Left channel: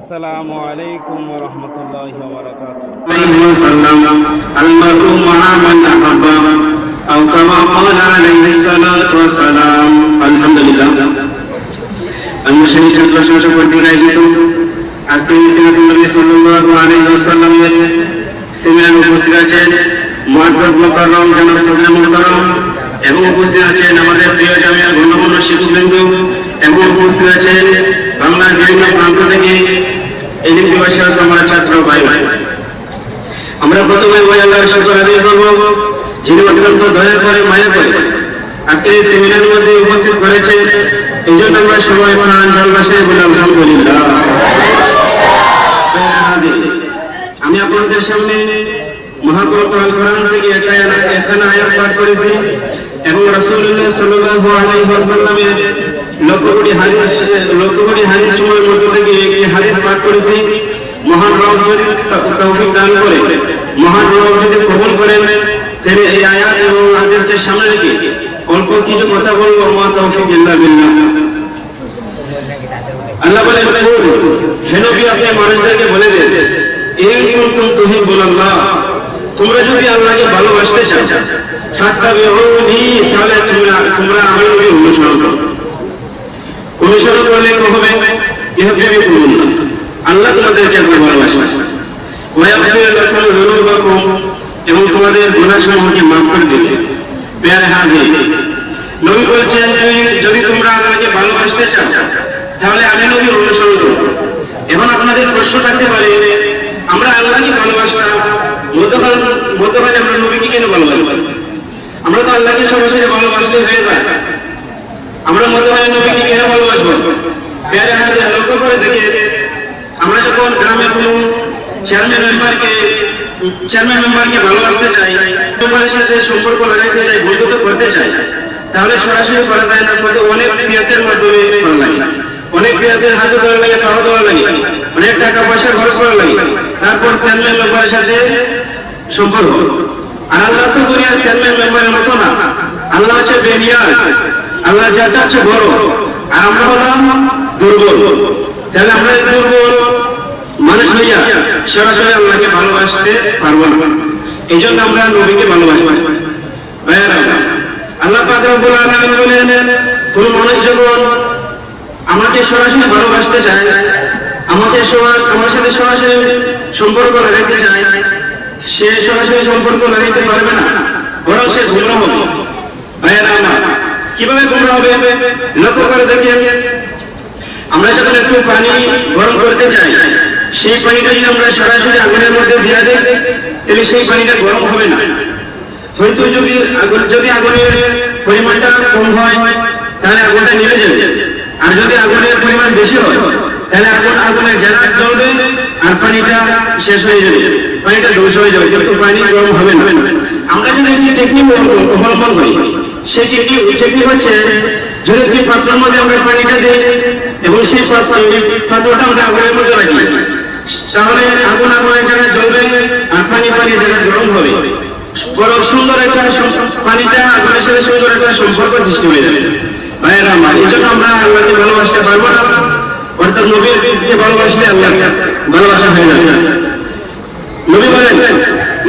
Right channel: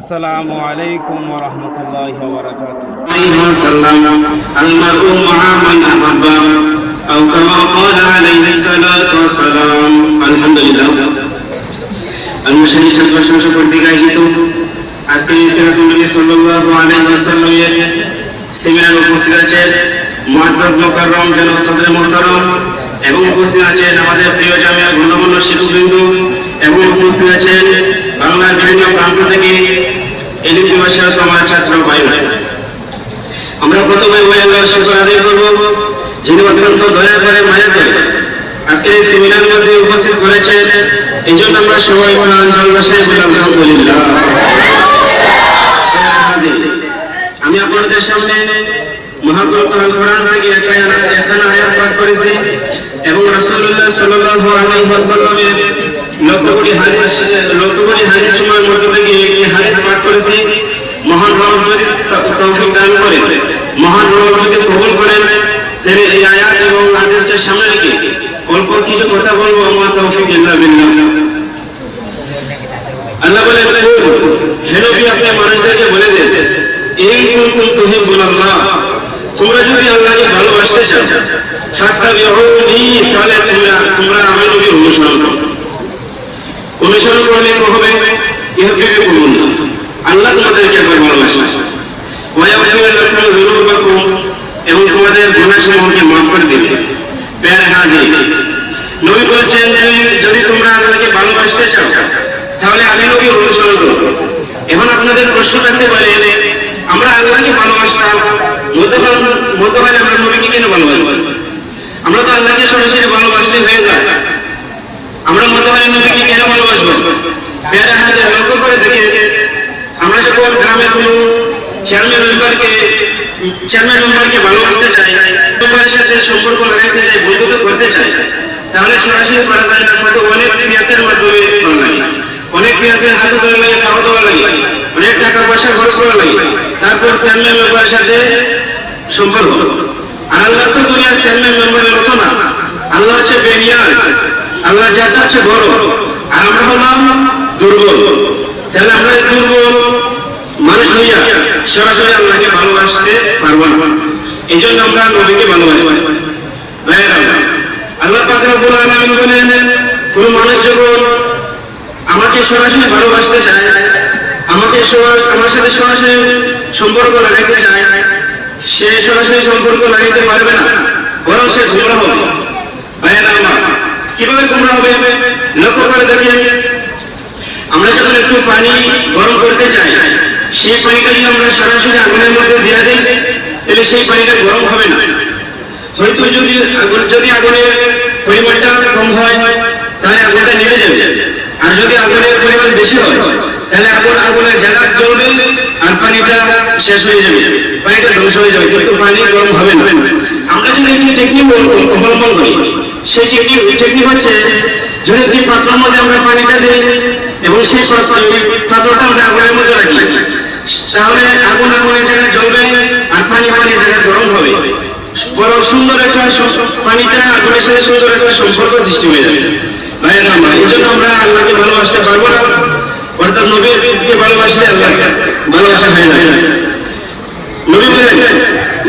আসসালামু আলাইকুম ওয়া রাহমাতুল্লাহি ওয়া বারাকাতুহু। عليه وسلم المرء مع من أحب أو كما قال عليه الصلاة والسلام الحمد لله المشاهد প্রশংসা করতে গাইতো আজকে সিরাতুল নবী সাল্লাল্লাহু আলাইহি ওয়াসাল্লামের সেমিনারে উপস্থিত আছেন মুআজ্জাজ মুকাররম জনাব সদর মুহতারাম এবং উপস্থিত আছেন আমাদের প্রিয় জামিয়া গণ্যমান্য শিক্ষকবৃন্দ এবং উপস্থিত আছেন বাংলার বিভিন্ন প্রান্ত থেকে ইলম দিবসে আমাদের ছাত্র ভাই আমরা প্রথমে ওই আল্লাহর শুকর আদায় করব যিনি অত্যন্ত দয়া করে মায়া করে আজকে এই সেমিনারের মধ্যে উপস্থিত করেছেন এই জন্য আমরা সবাই প্রাণ ভালোবাসায় বলি আলহামদুলিল্লাহ। আমি আপনাদের সামনে মহাগ্রন্থ আল কোরআন থেকে এখানে আয়াত পাঠ করেছি এবং রাসূলুল্লাহ সাল্লাল্লাহু আলাইহি ওয়াসাল্লামের লক্ষ কোটি হাদিস সময়ের মধ্যে থেকে একটি হাদিস পাঠ করেছি। মহান রব যদি তৌফিক দান করে, মহান রব যদি কবুল করেন, তাহলে এই আয়াত এবং হাদিসের সামনে রেখে অল্প কিছু কথা বলবো। আমার তৌফিক ইল্লা বিল্লাহ। আল্লাহ বলেন, হে নবী আপনি মানুষদেরকে বলে দেন, এই কুনতুম তুহিব্বুনাল্লাহ, তোমরা যদি আল্লাহকে ভালোবাসতে চাও ফাত্তাবিউনি, তাহলে তোমরা আমি নবী অনুসরণ করো। অনুসরণ করলে কি হবে? ইউহিব্বুকুমুল্লাহ, আল্লাহ তোমাদেরকে ভালোবাসেন। ওয়ায়াগফির লাকুম যুনুবাকুম, এবং তোমাদের গুনাহসমূহকে মাফ করে দিবেন। প্যার হাজির নবী বলছেন, যদি তোমরা আল্লাহকে ভালোবাসতে চাও তাহলে আমি নবী অনুসরণ করব। এখন আপনাদের প্রশ্ন থাকতে পারে, আমরা আল্লাহকে ভালোবাসতাম, মধ্যখানে আমরা নবীকে কেন ভালোবাসব? আমরা তো আল্লাহকে সরাসরি ভালোবাসলে হয়ে যায়, আমরা মধ্যখানে নবীকে কেন ভালোবাসবো? প্যার হাজির লক্ষ্য করে দেখে, আমরা যখন গ্রামের কোনো চেয়ারম্যান মেম্বারকে ভালোবাসতে চাই, মেম্বারের সাথে সম্পর্ক লাগাইতে চাই, বন্ধুত্ব করতে চাই, তাহলে সরাসরি করা যায় না, হয়তো অনেক পিয়াসের মাধ্যমে করা লাগে, অনেক পিয়াসের হাতে ধরা লাগে, পাওয়া দেওয়া লাগে, অনেক টাকা পয়সা খরচ করা লাগে, তারপর চেয়ারম্যান মেম্বারের সাথে সম্পর্ক। আর আল্লাহ তো দুনিয়ার চেয়ারম্যান মেম্বারের মতো না, আল্লাহ হচ্ছে বেনিয়ার, আল্লাহ যাটা হচ্ছে বড়, আর আমরা হলাম দুর্বল। তাহলে আমরা দুর্বল মানুষ হইয়া সরাসরি আল্লাহকে ভালোবাসতে পারবো না, এই জন্য আমরা নবীকে ভালোবাসবো। আল্লাহ পাক রব্বুল আলামিন বলেন, কোন মানুষ যখন আমাকে সরাসরি ভালোবাসতে চায়, আমার সাথে সরাসরি সম্পর্ক লাগাইতে চায়, সে সরাসরি সম্পর্ক লাগাইতে পারবে না, বরং সে গোমরাহ হবে। ভাইয়েরা আমার কিভাবে গোমরাহ হবে লক্ষ্য করে দেখি। আমরা যখন একটু পানি গরম করতে চাই, সেই পানিটা যদি আমরা সরাসরি আগুনের মধ্যে দিয়ে দিই, তাহলে সেই পানিটা গরম হবে না। হয়তো যদি আগুনের পরিমাণটা কম হয় তাহলে আগুনটা নিভে যাবে, আর যদি আগুনের পরিমাণ বেশি হয় তাহলে আগুনের জায়গা জ্বলবে আর পানিটা শেষ হয়ে যাবে, পানিটা ধ্বংস হয়ে যাবে, কিন্তু পানি গরম হবে না। আমরা যদি একটি টেকনিক অবলম্বন করি, সেই টেকনিক হচ্ছে, যদি দুই পাত্রের মধ্যে আমরা পানিটা দিই এবং সেই পাত্রটা আমরা আগুনের মধ্যে রাখি, তাহলে আগুনের জায়গায় জ্বলবে আর পানির জায়গায় গরম হবে, বরং সুন্দর একটা পানিটা আগুনের সাথে সুন্দর একটা সম্পর্ক সৃষ্টি হয়ে যাবে। ভাইয়েরা আমার, এই জন্য আমরা আল্লাহকে ভালোবাসতে পারবো না, অর্থাৎ নবীকে ভালোবাসলে আল্লাহকে ভালোবাসা হয়ে যাবে। নবী বলেন,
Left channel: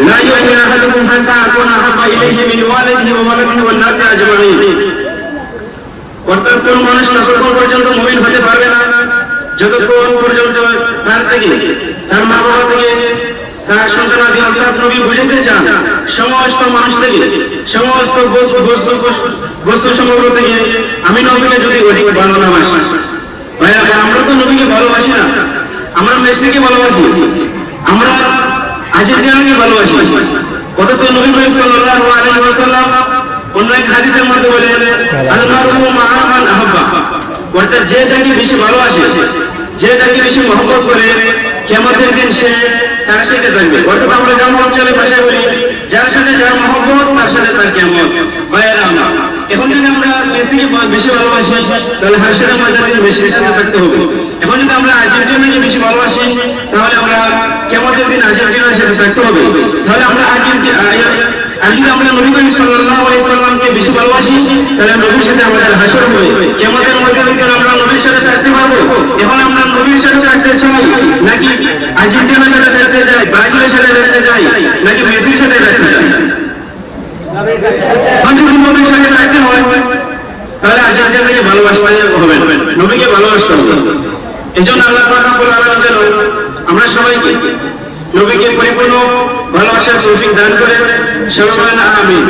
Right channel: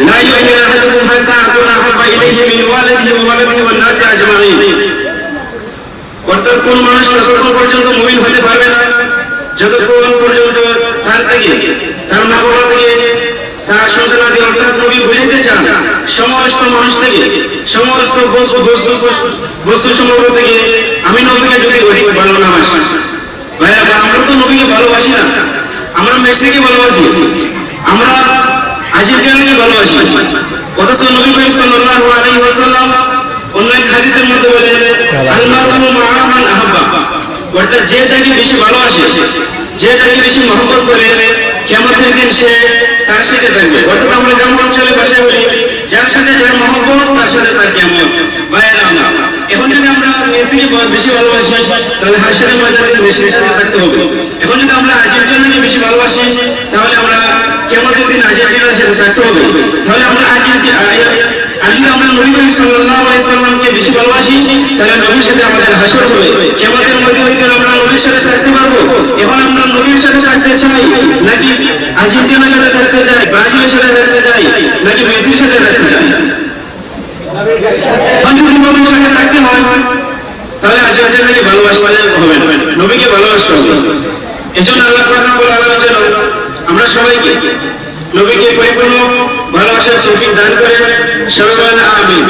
লা ইউমিনু আহাদুকুম হাত্তা আকুনা আহাব্বা ইলাইহি মিন ওয়ালিদিহি ওয়া ওয়ালাদিহি ওয়ান নাসি আজমাইন, অর্থাৎ কোন মানুষ ততক্ষণ পর্যন্ত মুমিন হতে পারবে না যতক্ষণ পর্যন্ত তার থেকে, তার মা বাবা থেকে, তার সন্তানাদি অর্থাৎ নবী বুঝতে চান সমস্ত মানুষ থেকে, সমস্ত বস্তু সমগ্র থেকে আমি নবীকে যদি অধিক ভালো না বাসি। আমরা তো নবীকে ভালোবাসি না, আমরা মেসিকে ভালোবাসি, আমরা আর্জেন্টিনাকে ভালোবাসি, অথচ নবী করিম সাল্লাল্লাহু আলাইহি ওয়াসাল্লাম অন্য এক হাদিসের মধ্যে বলেন, আল-মারউ মা মান আহাব্বা, অর্থাৎ যে যাকে বেশি ভালোবাসে, যে যাকে বেশি মহব্বত করে, কিয়ামতের দিন সে তার সাথে থাকবে। অর্থাৎ আমরা গ্রাম অঞ্চলে ভাষায় বলি, যার সাথে যার মহব্বত তার সাথে তার কিয়ামত। ভাইয়েরা আমার, এখন যদি আমরা মেসিকে বেশি ভালোবাসি তাহলে হাসরের ময়দানে মেসির সাথে থাকতে হবে। এখন যদি আমরা আর্জেন্টিনাকে বেশি ভালোবাসি তাহলে আমরা কিয়ামতের দিন আর্জেন্টিনার সাথে থাকতে হবে। তাহলে আমরা আর যদি আমরা নবী করিম সাল্লাল্লাহু আলাইহি সাল্লামকে বেশি ভালোবাসি তাহলে নবীর সাথে আমাদের হাসর হবে, কিয়ামতের মধ্যে আমরা নবীর সাথে থাকতে পারবো। এখন আমরা নবীর সাথে থাকতে চাই, নাকি আর্জেন্টিনার সাথে থাকতে চাই, ব্রাজিলের সাথে থাকতে চাই, নাকি মেসির সাথে থাকতে চাই? যদি নবীর সঙ্গে থাকতে হয় তাহলে আর্জেন্টিনাকে ভালোবাসতে হবে, নবীকে ভালোবাসতে হবে। এই জন্য আল্লাহ রাব্বুল আলামিন যেন আমরা সবাইকে নবীকে পরিপূর্ণ ভালোবাসার তৌফিক দান করে। সবাই আমিন।